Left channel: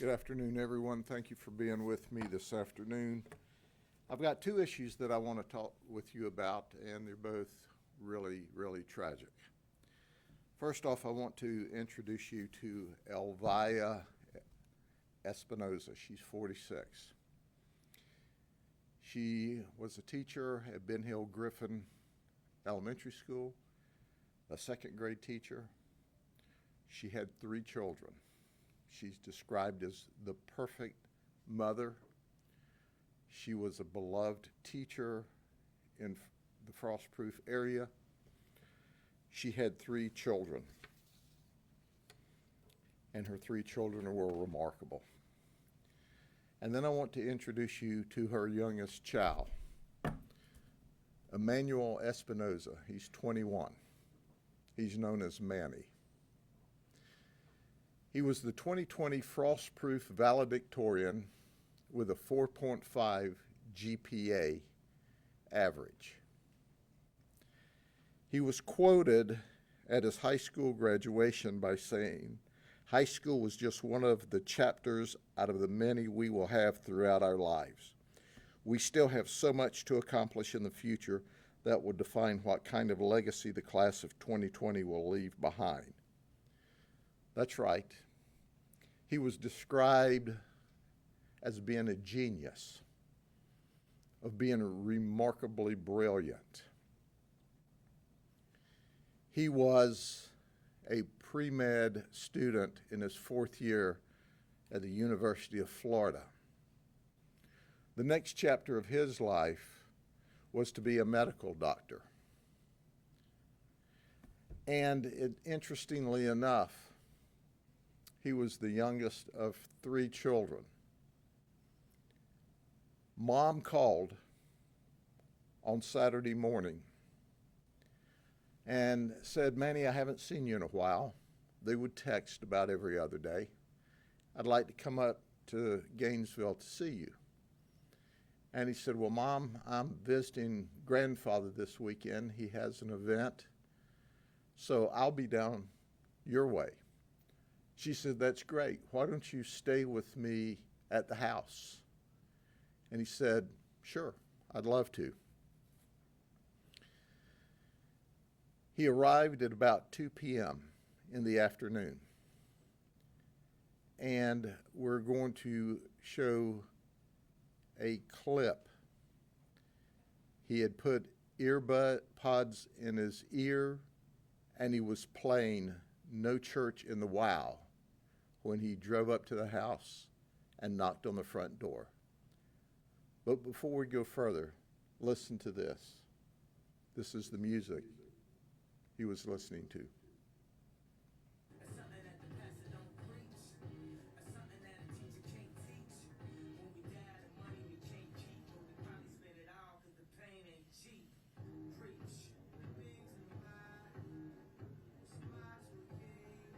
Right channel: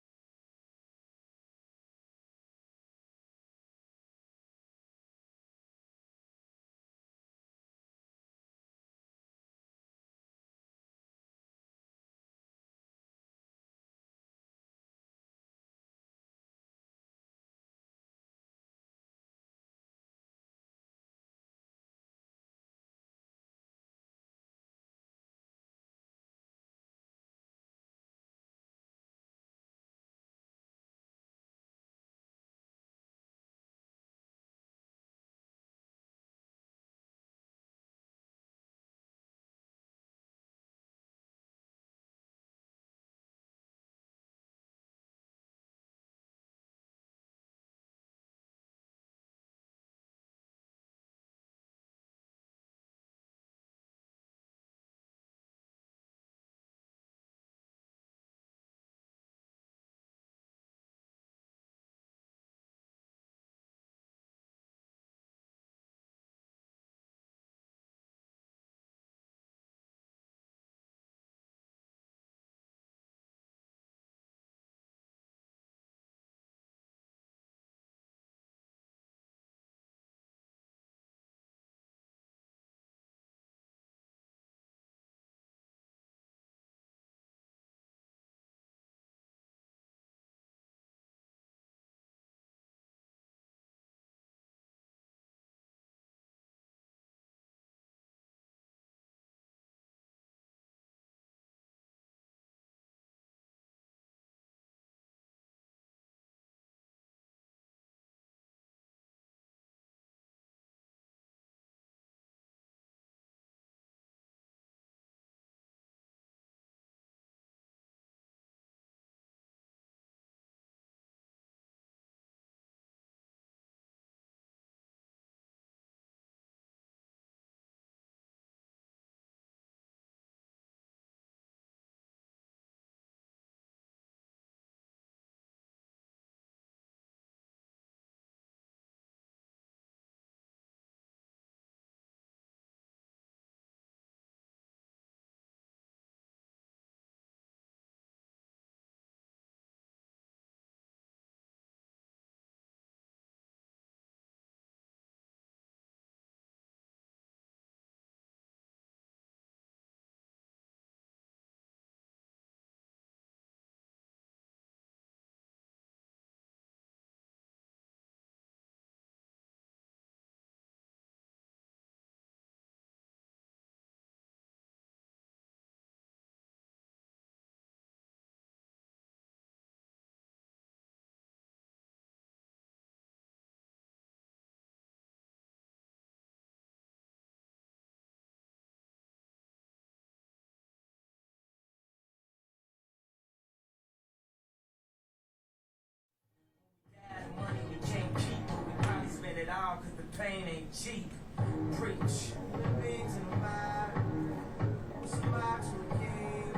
Good afternoon, everyone. Thank you for being with me this afternoon. I've got two issues that I want to talk with you about, and they're both really, really tragic. First off, I want to introduce you to Elvia Espinoza. She's 46. She was a teacher at Ben Hill Griffin Elementary School, a second grade teacher. She had 3 children. She's described as the perfect mother. She was a beloved teacher in the Frostproof area. She had 3 children, and her 3 children were remarkable. And then I want to introduce you to her youngest child, Emmanuel Espinoza. He's 21. He's known as Manny. He was the 2020 Frostproof valedictorian with a 4.5 GPA average. He was quoted at his high school graduation by saying, "High school was just one of the chapters out of the many we will have throughout our lives. We still have so much to accomplish in the future that will define what kind of legacy the class of 2020 will leave behind." That's right. He was described as being a genius, of being remarkably brilliant. He was a pre-med student in his 4th year at the University of Florida. The next chapter of his life was to be a medical doctor. And interestingly enough, he was the youngest of 3 children. Mom called on Saturday morning and said, "Manny, I haven't seen you in a while." They would text about every other day. "I'd like to come up to Gainesville to see you." And he said, "Well, Mom, I'm visiting grandfather this weekend. He has an event, so I'll be down your way." She said, "That's great. Why don't you stay with me at the house?" And he said, "Sure, I'd love to." He arrived at about 2 p.m. in the afternoon. And we're going to show a clip. He had put earbud pods in his ear, and he was playing "No Church in the Wow" when he drove up to the house and knocked on the front door. But before we go further, listen to this. This is the music he was listening to. Money we can't keep, but we probably spend it all because the pain ain't cheap. Preach. Things in the mind. What's a box to a king?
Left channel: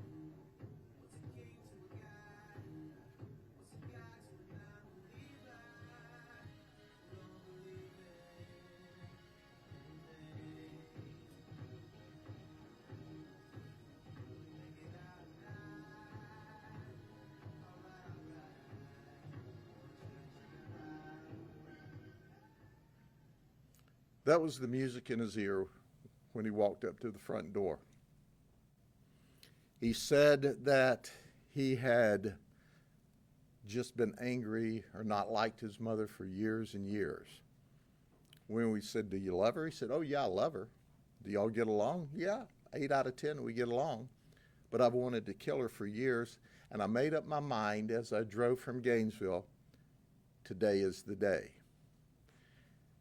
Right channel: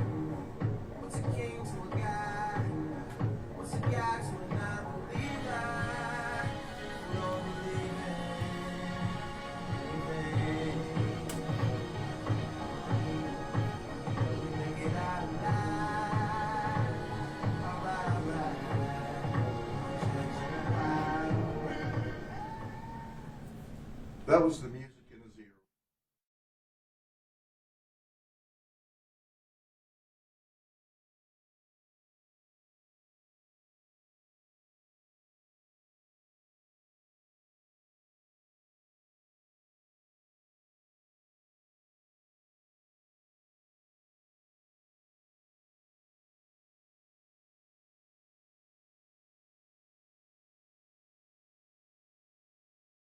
What's a king to a guy? What's a guy to a non-believer? We don't believe in anything. We make it out alive. Alright. That was the music in his ear when he walked up to the front door. He said that he had just been angry or not liked his mother for years and years. When we said, "Do you love her?" He said, "Oh yeah, I love her." "Do y'all get along?" "Yeah, 8 out of 10 we get along. But I've wanted to kill her for years, and I made up my mind as I drove from Gainesville, today is the day."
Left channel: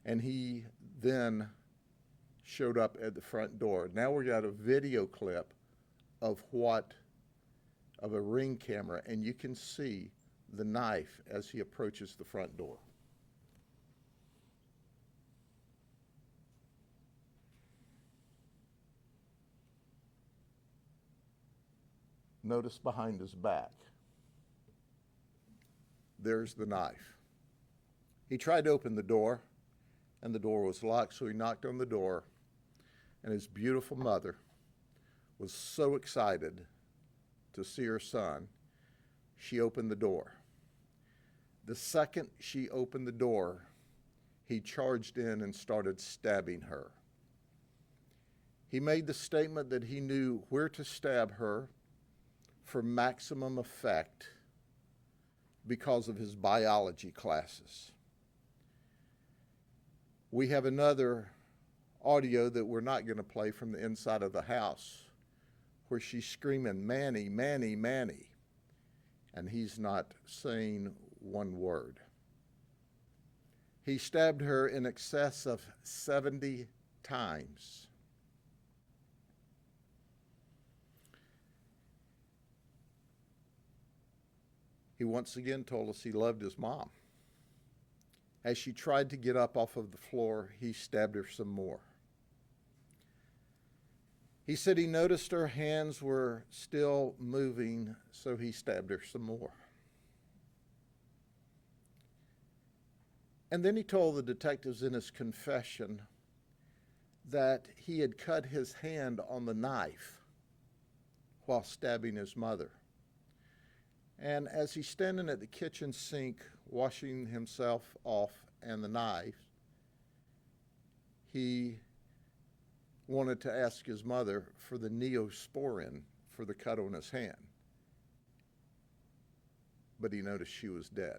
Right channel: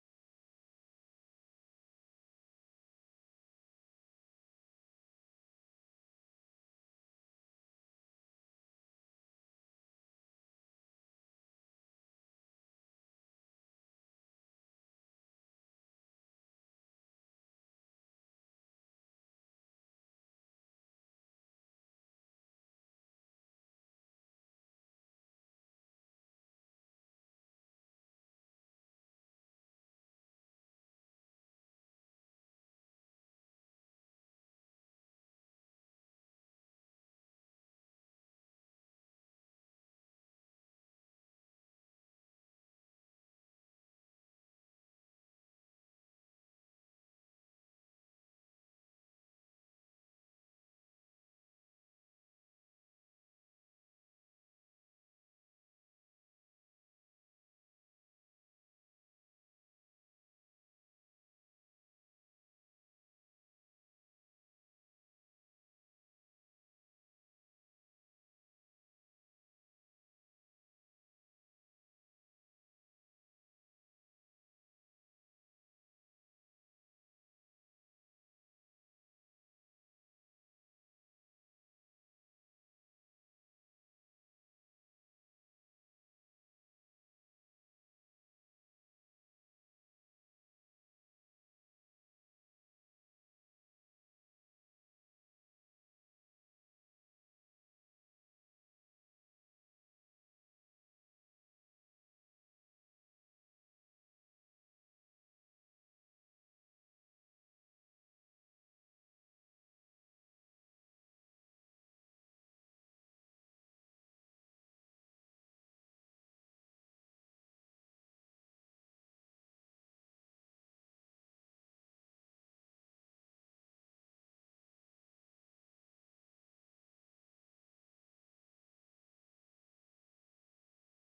And he then showed up at the front door. Now we got a video clip of a Ring camera, and you can see the knife as he approaches the front door. Notice behind his back. There's the knife. He tried to open the door, and the door was locked, so he knocked on the door, and his beautiful mother was so excited to see her son. she opened the door. The second she opened the door, he charged in and started stabbing her. He made the statement that he knew where to stab her for maximum effect because of his biology classes. We have another audio that we're not going to play from the inside of the house where she's screaming, "Manny, Manny, Manny," and he's not saying one word. He stabbed her in excess of 70 times. He once again told us he loved his mom. As she tried to get up off of the floor, he stabbed her some more. He said he noticed her hands were still moving, so he stabbed her some more. And then he told the detectives in his confession that he had cut his hand on the knife while stabbing his mother. And as he's standing at the kitchen sink washing himself off and the knife, he wanted to ask his mother for the neosporin for the cut on his hand. But he noticed she was dead.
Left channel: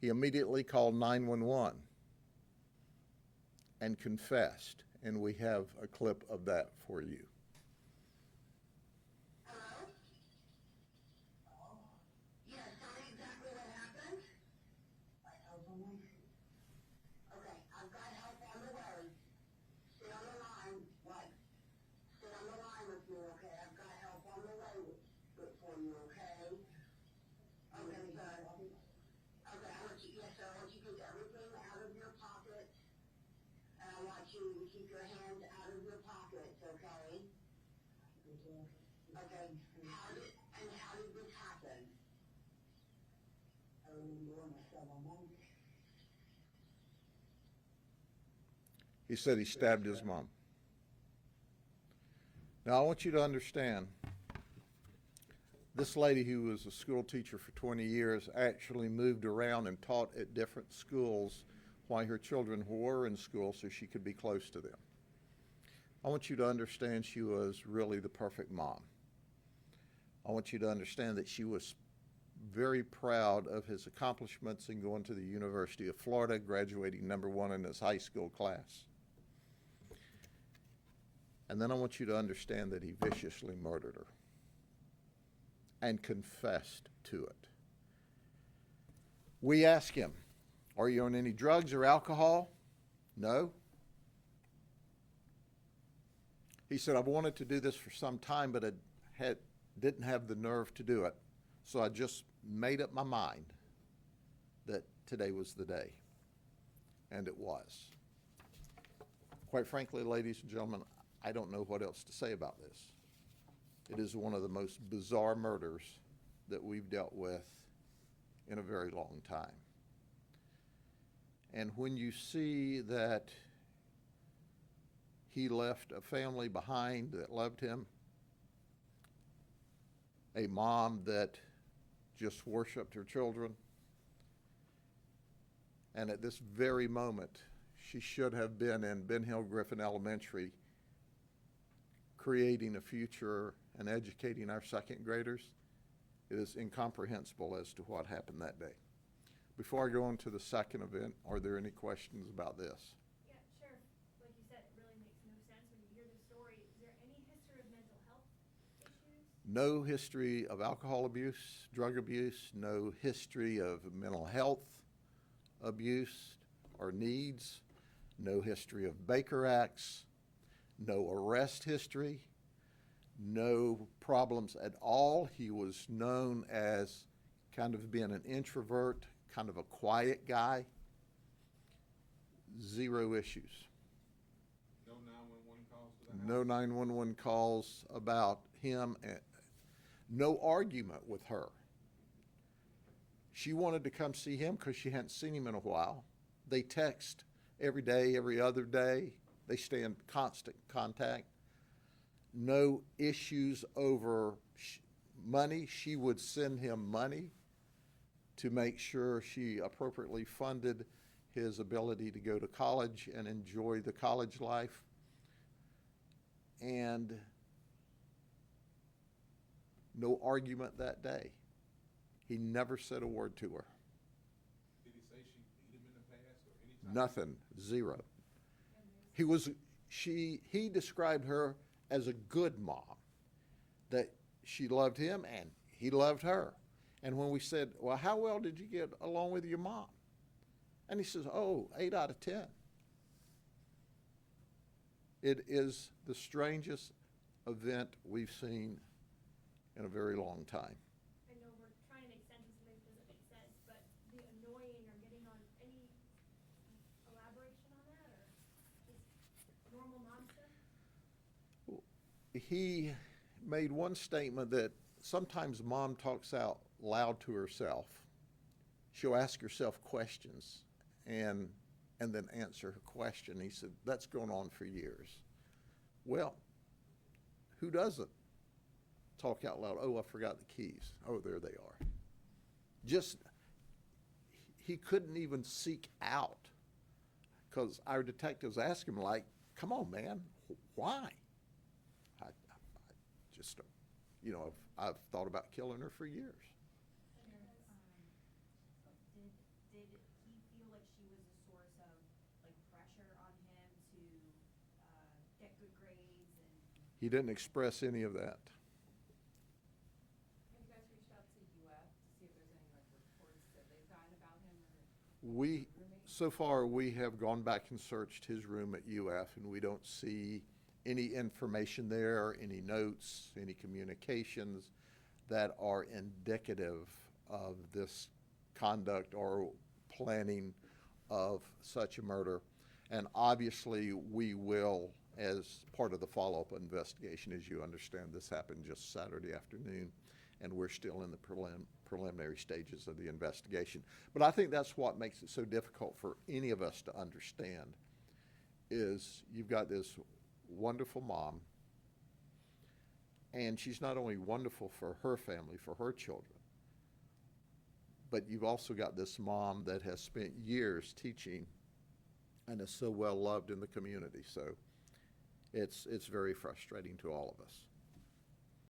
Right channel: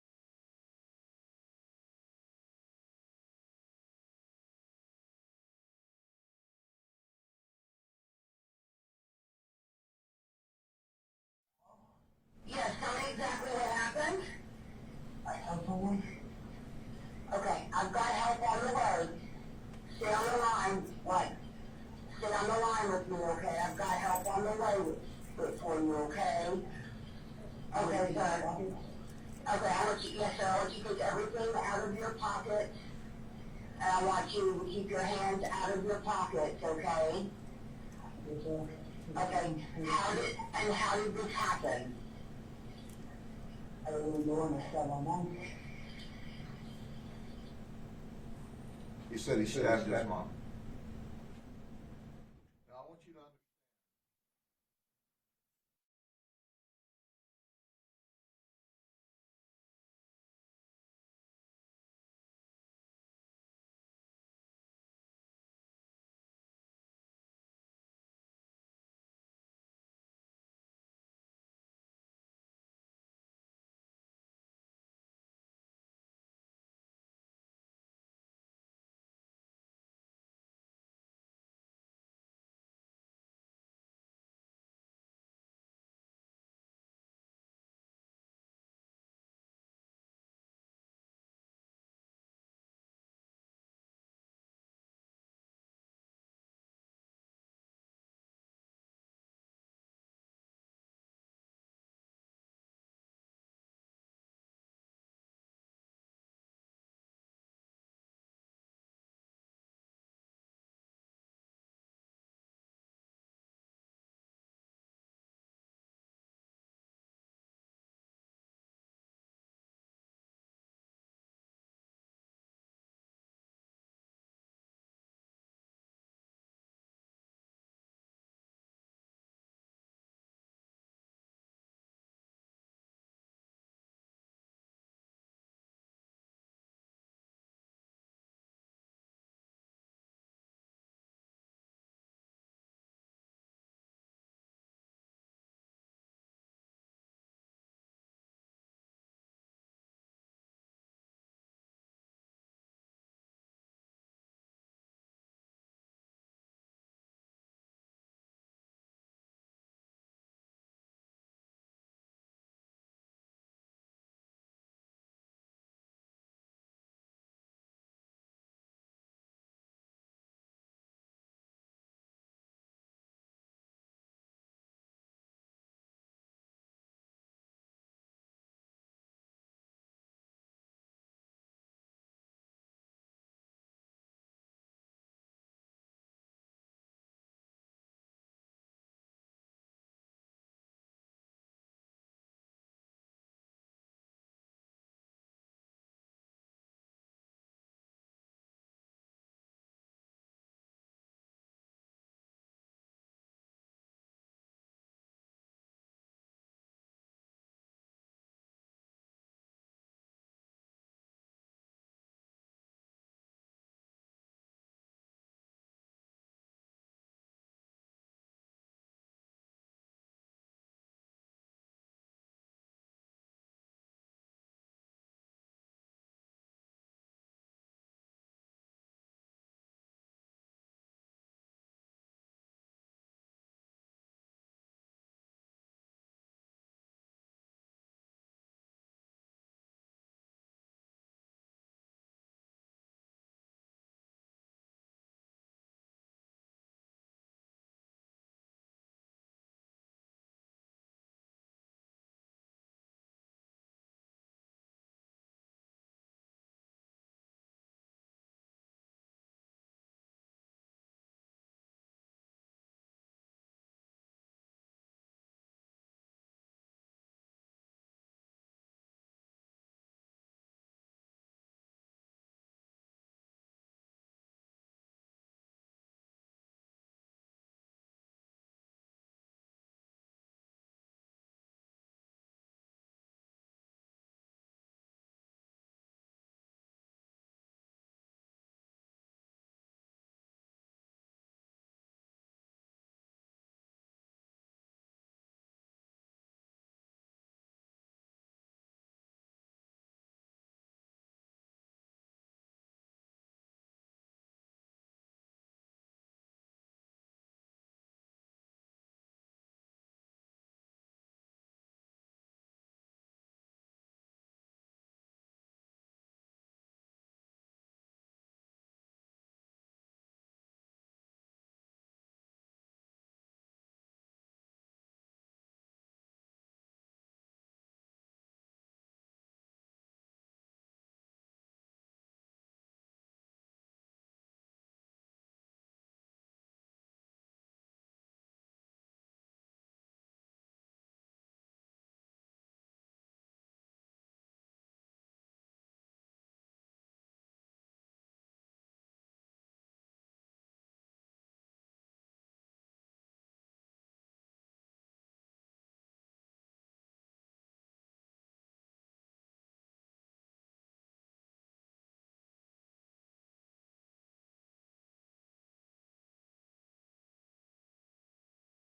He immediately called 911 and confessed, and we have a clip of that for you. Yes, tell me exactly what happened. I have someone. Okay, I've got help on the way. Stay on the line. What? Stay on the line with me, okay? I've got help on the way for you, okay? Okay, good. Okay, I want you, yes, sir, I want you to take everything out of your pockets. And I want you to keep your hands out of your pockets, okay? Okay, how did this happen? I don't know when I said my mom. He said he stabbed his mom. Now I want you to understand, this lady who was a school teacher for 20 years actually moved around and taught at different schools while her children were in school so she could be close to them. I want you to understand she was really the perfect mom. I want you to understand that she was very proud of his accomplishments in going to the University of Florida, graduating #1 in his high school class. And then I want you to understand that he viciously murdered her and confessed to it. We asked him, "Are you on any drugs or alcohol?" No. He said, "I've wanted to do this for some time, but I didn't have the nerve to do it. So I just made up my mind that today was the day." And it was. Quite frankly, ladies and gentlemen, I don't know what else to say about this. It is one of the most bizarre murders that we've dealt with in a very long time. And when you see that he left a family behind that loved him, a mom that just worshiped her children, and at this very moment, she should have been in Ben Hill Griffin Elementary creating a future and educating our second graders. It is incomprehensible as to what happened that day. Before I go on to the second event, are there any questions about this? Yeah, Sheriff, like you said, it really makes no sense when you hear the story. Is there any history of mental health issues? No history of alcohol abuse, drug abuse, no history of mental health abuse or needs, no history of Baker Acts, no arrest history, no problems at all. He was known as kind of being an introvert, kind of a quiet guy. Zero issues. No 911 calls to the house? No 911 calls about him. No argument with her. She wanted to come see him because she hadn't seen him in a while. They text every day, every other day. They stay in constant contact. No issues over money. She would send him money to make sure she appropriately funded his ability to go to college and enjoy the college life. And no argument that day. He never said a word to her. Did he say she beat him in the past or any time? Nothing. Zero. He described her as a good mom, that she loved him and he loved her. And when we said, well, how well did you get along with your mom? And he says, oh, 8 out of 10. It is the strangest event we've seen in a very long time. I know we're trying to make sense of something that doesn't make sense, but the annoying or getting on, any elaboration on that, or just normal mom stuff? He made one statement that sometimes mom talks out loud to herself. She'll ask herself questions and then answer her question. He said, that's going on for years. Well, who doesn't talk out loud? Oh, I forgot the keys. Oh, there they are. Just, he couldn't even seek out, because our detectives asked him, like, come on, man, why? I just, I've thought about killing her for years. Did he feel like she was a source of like pressure on him to get good grades and? He didn't express any of that. Have you guys reached out to UF to see if there's any like reports that they've gotten about him or? So far, we have gone back and searched his room at UF, and we don't see any information there, any notes, any communications that are indicative of this conduct or planning of such a murder. And obviously, we will, as part of the follow-up investigation, as you understand, this happened just Saturday afternoon, and we're still in the preliminary stages of the investigation. But I think that's what makes it so difficult for any of us to understand, is you've got this wonderful mom, and she's not only wonderful for her family, for her children, but you've also got this mom that has spent years teaching and is so well loved in the community. So it's very frustrating to all of us.